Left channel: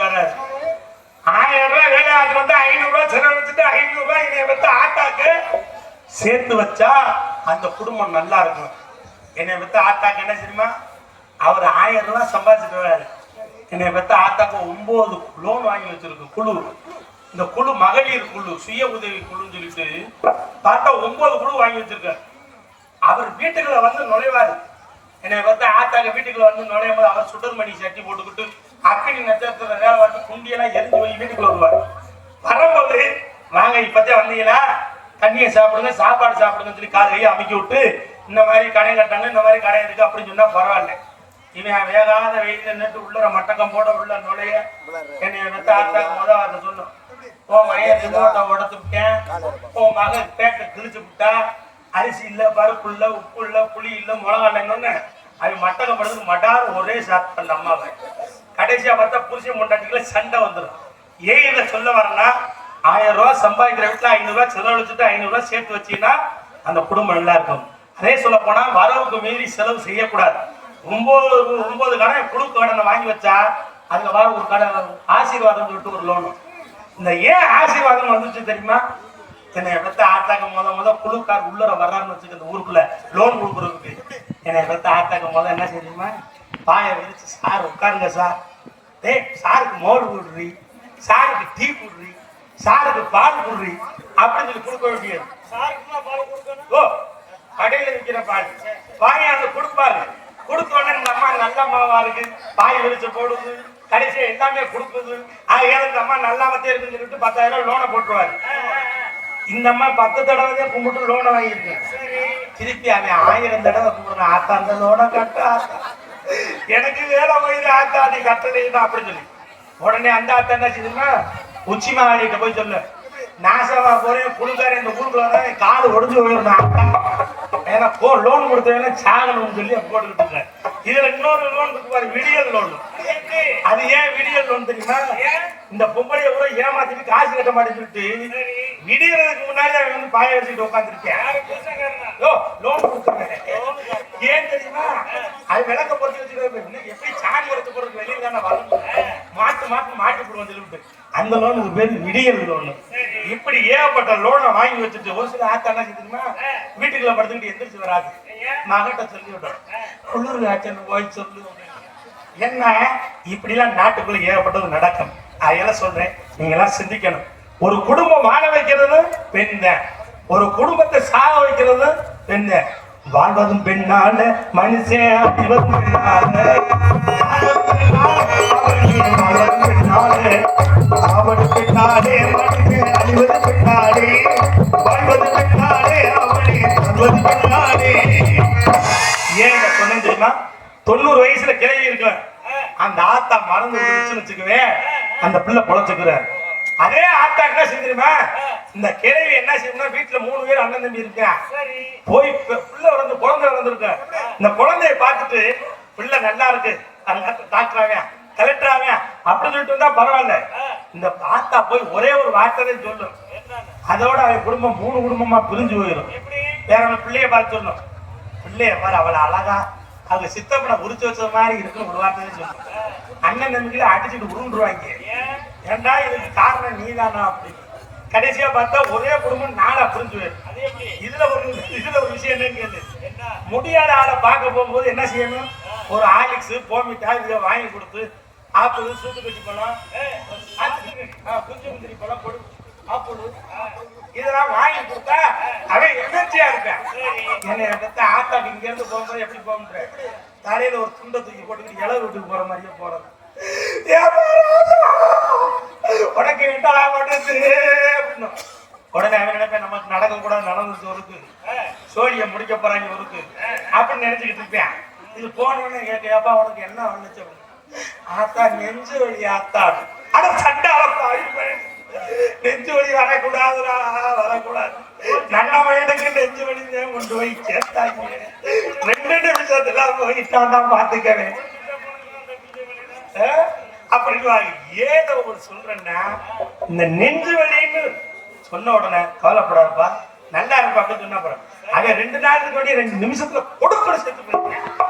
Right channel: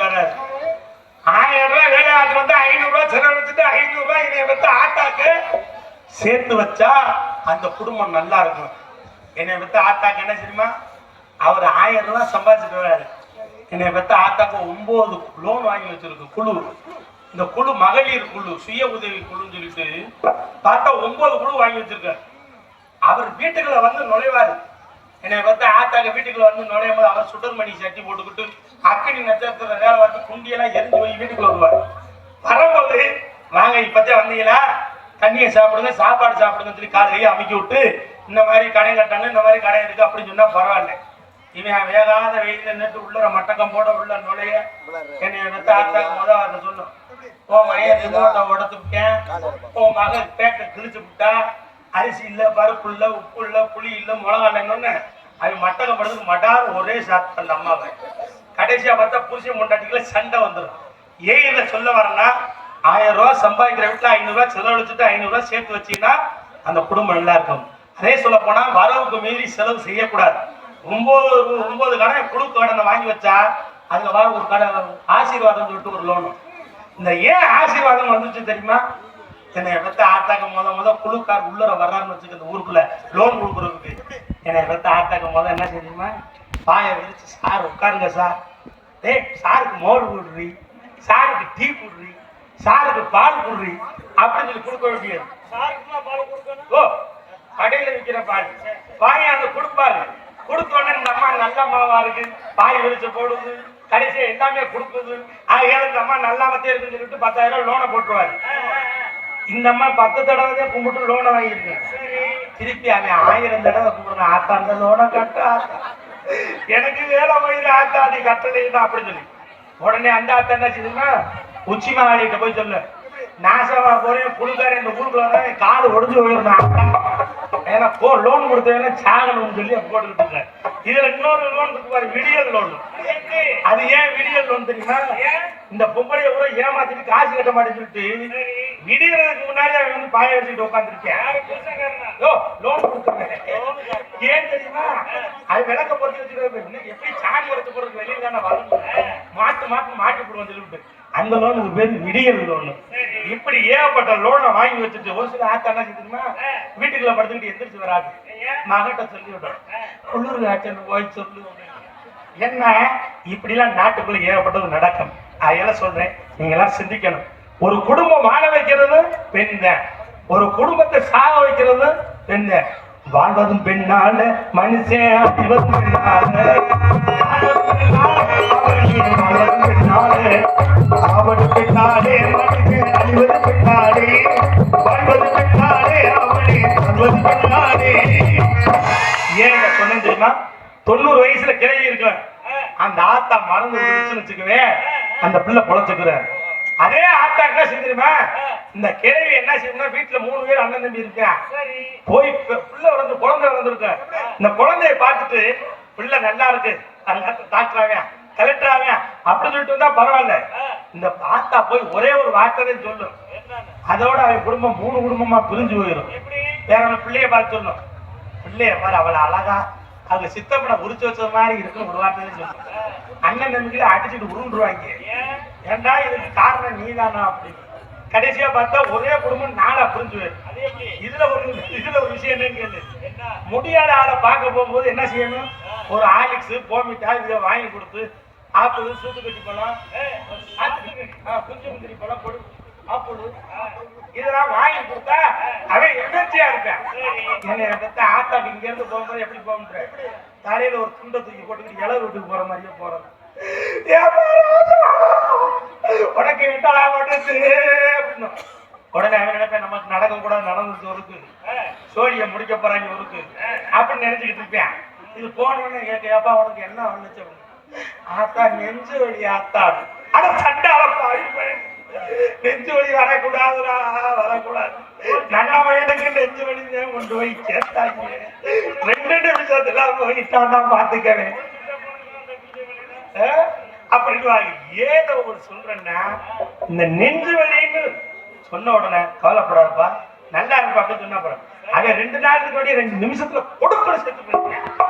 பார்த்துட்டு ஆயிரம் ரூபாய் வேலை வந்து ஐநூறு ரூபாய் செலவழிச்சுட்டு ஐநூறு ரூபாய் இதை வந்து ஆட்டாக்கு சேர்த்து வச்சா அந்த குடும்பம் நல்லா இருக்கும். என்னை பத்தி ஆத்தாக்கு என்ன தெரியுமா? அவர் ஆயிரம் ரூபாய் சம்பாதிச்சுட்டு என்னை பத்தி ஆத்தாக்கு ஒன்பது லோன் வாங்கி வச்சிருக்கு குழு. இந்த குழு மகளிர் குழு சுய உதவி குழுன்னு சொல்லிட்டு பார்த்தா ஒன்பது குழு வாங்கி வச்சிருக்காரு. அவர் வீட்டுக்குள்ள வந்து நுழைவாரு. என்னை பத்தி ஆத்தாக்கு வீட்டுக்குள்ள வந்து நுழையும் போது அவர் சுடர்மணி சட்டி போட்டுக்கிட்டு அக்கினி நட்சத்திர வந்து குண்டியெல்லாம் எரிஞ்சு போய் வீட்டுக்கு வருவார். வரும்போது வாங்க இப்பத்தே வந்தீங்களா? தண்ணியை சாப்பிடுங்க சாப்பாடு சாப்பிடுங்க சொல்லி காதையை அமைக்க விட்டு இந்த மாதிரி கடை கட்டாங்க இந்த மாதிரி கடை இருக்கு அப்படின்னு சொன்னா பரவாயில்ல. இவன் வேகாத வெயில நின்று உள்ளர மட்டக்கம் போட உள்ள நுழைய என்னை வந்து ஆத்தாக்கு முத அதை சொல்லும் உன் மைய ரிமோட்டை உடச்சு விட்டேன். உன் மகன் பேக்கை கிழிச்சு விட்டா அரிசி இல்ல பருப்பு இல்ல உப்பு இல்ல புளி இல்ல மிளகா இல்லைன்னு அது மட்டக்கப்படுறதுக்கு மட்டார் ஒரே சாப்பிட்டு அம்மாவை. கடைசியா பார்த்தா புருஷன் முண்டாட்டிக்குள்ள சண்டை வந்துடும் ஏன் இதை சொல்ல வரேன்னா ஆயிரம் ரூபாய் சம்பாதிக்கிற வீட்டுல ஐநூறு ரூபாய் செலவழிச்சுட்டு ஐநூறு ரூபாய் சேர்த்து வச்சீங்கன்னா அந்த குடும்பம் நல்லா இருக்கும். அதே சொல்ல போனா வரவுக்கு மீறி செலவு செய்யக்கூடாது. ஒன்பது ஒன்பது கடை குழு கடனை வாங்கி வச்சா அதுல வர ஒரு கடை ஆசீர்வாதம் சொல்லிட்டு ஒரு லோனு இந்த ஏன் ஆசீர்வாதம் வந்துச்சு தெரியுமா? என்னை எடுத்து ஆட்டாக்க முத முத குழுக்கார் உள்ளர வர்றாருன்னு வச்சுக்க இந்த ஊருக்குள்ள லோன் கொடுக்குறதுக்கு. என்னை எடுத்து ஆட்டாக்க முத என்ன தெரியுமா? பாய விரிச்சு சார் உட்காருங்க சார். டேய் சாருக்கு மோர் போடுறி சாருக்கு டீ போடுறி சாருக்கு பால் போடுறி அப்படின்னு சொல்லி கொடுக்க வேண்டியது. ஓ கடையில விற்கிற பால். பாயை அந்த கொடுப்பாரு. கொடுத்த உடனே இந்த அம்மா நல்ல மாவா இருக்கு. பாய் விரிச்சு போடுது. கடைசியா எல்லாமே கொடுக்குது. ஆகையால இந்த அம்மா நல்லாமத்தே இருக்குன்னு சொல்லிட்டு பத்தாயிரம் லோனை போட்டுருவாரு. இந்த அம்மா பத்து தடவை தான் கும்பிட்டு லோனை வாங்கியிருக்கேன். திருப்பி அவன் ஆயிரம் தடவை கும்பிடுறான். ஆத்தா அந்த லோனை கட்ட. ஆத்தா எனக்கு வேலை வயது ஆத்தா நீ கட்டலைன்னா அப்படின்னு சொல்லி. உடனே அந்த ஆத்தா என்ன செய்யுதுன்னா உச்சி மகாலிட்ட போய் சொல்லு. நாசமா போறேன் குழுக்காரன் இந்த ஊருக்குள்ள என் கால் ஒடிஞ்சு ஆத்தா ஏன்னா போ லோன் கொடுத்தவங்க சாகணும்னு சொல்லி போட்டுக்கிட்டு இருக்காரு. இதுல இன்னொரு லோன் இருக்கு பாரு விடியல் லோன் அது ஏன் விடியல் லோன் தெரியுமா? இந்த பொம்பளைய கூட ஏமாத்திட்டு காசு கட்ட மாட்டேங்கிட்டு விடியறதுக்கு முன்னாடி அவன் வந்து பாய வச்சுட்டு உட்காந்துருக்கேன் லோன் கொடுத்துருக்கேன் ஏன் தெரியுமா அது விளக்க பொறுத்து வச்சுட்டு எப்படி சாணி உரைச்சு போறதுக்கு வெளியில தானே வரும் மாட்டு மாட்டு மாட்டி போடுவோம் சொல்லிட்டு அந்த லோனுக்கு பேர் விடியல் லோன் இப்படி ஏகப்பட்ட லோனை வாங்கி வச்சுட்டு ஒரு சில ஆத்தா என்ன தெரியுமா வீட்டுக்குள்ள படுத்துக்கிட்டு எந்திரிச்சு வராது. மகட்ட சொல்லி விடுறோம் குளிர் ஆச்சன்னு போய் சொல்லு. என்ன? இப்படிலாம் நாட்டுக்குள்ள ஏகப்பட்டது நடக்கும். அதெல்லாம் சொல்றேன். நீங்க எல்லாம் சிந்திக்கணும். ஒரு குடும்பம் வாழ வைக்கிறது பெண் தான். ஒரு குடும்பத்தை சாக வைக்கிறது பெண் தான். வாழ்வதும் பெண்ணால மனுஷன் அழிவதும் அழிவது வாழ்வது அவனே சொன்னேன் தெரியுமா? தொண்ணூறு வயசுல கிளவி இருக்கு அந்த ஆத்தா மறந்து வச்சுக்கவே. அந்த பிள்ளை பொழைச்சுக்கிறார் அதே ஆத்தா என்ன செஞ்சிருமா இந்த கிழவி என்ன செய்யும்னா வீட்டுல மூணு பேர் அண்ணன் தம்பி இருக்கா? போய் பிள்ளை வந்து குழந்தை வளர்ந்துருக்கு? இந்த குழந்தைய பார்த்துட்டு பிள்ளை நல்லா இருக்கு. டாக்டர் ஆவேன் கலெக்டர் ஆவேன். அப்படி சொல்லிட்டு வந்தா பரவாயில்ல. இந்த ஆத்தா போய் ஒரே ஒரு வார்த்தை தான் சொல்லும் அதோட அவன் குடும்பம் மூணு குடும்பமா பிரிஞ்சு போயிடும். வேற அவன் பிள்ளைய பார்த்து சொல்லணும். பிள்ளைய பாரு அவளை அழகா அவங்க சித்தப்பனை உரிச்சு வச்ச மாதிரி இருக்கு ஒரு வார்த்தை சொல்லணும். அண்ணன் நம்பிக்கையில அடிச்சுட்டு உருண்டுருவாங்க. ஏன்டா இதுக்கு காரணம் நீதானா அப்படின்னு. கடைசியா பார்த்தா ஒரே குடும்பம் நாளா புரிஞ்சு போயிடும். இதுல ஒரு இதுல ஒரு விஷயம் என்னன்னு கேளு. முடியாத ஆளை பார்க்க போகும்போது என்ன செய்யணும்? ஒரு ஆலிக்ஸ் போமிட்டா இதை வாங்கி கொடுத்து ஆப்பிள் கட்டி பழம் ஆ, குஞ்சு முந்திரி பழம் கொடு ஆப்பிள் இதெல்லாம் வாங்கி கொடுத்தா அவன் எதிர்ச்சியா இருக்கான் என்னை வந்து ஆத்தா இங்க இருந்து போகும்போது எப்படி போக முடியும் தலையில ஒரு துண்டை தூக்கி போட்டு இளவு வீட்டுக்கு போற மாதிரியே போறது. உனக்கு விட்டலா மாட்டேது அப்படின்னு. உடனே அவன் நினைப்பேன் நமக்கு நடக்க கூட நடந்துச்சு ஒருக்கு சோழிய முடிக்க போறாங்க ஒருக்கு அப்படின்னு நினைச்சுக்கிட்டு இருப்பேன். இது போனோன்னு கேட்க உனக்கு என்ன வந்துச்சு ஆத்தா நெஞ்சு வழி ஆத்தா. அட சண்டால நெஞ்சு வழி வரக்கூடாதுடா வரக்கூடாது. நல்ல வயதுக்கு நெஞ்சு வழி கொண்டு போய் சேர்த்தாங்க ரெண்டு நிமிஷத்துல போயிட்டான் தான் பாத்துக்கிறேன் அப்படின்னு ஏதோ ஒரு சொல்றேன்னா இந்த நெஞ்சு வழின்னு சொன்ன உடனே கவலைப்படாதுப்பா. நல்லா இருப்பா அப்படின்னு சொன்னா போறேன். அவன் ரெண்டு நாளுக்கு முன்னாடி ரெண்டு நிமிஷத்துல கொடுக்கணும் செத்து போயிருக்கேன்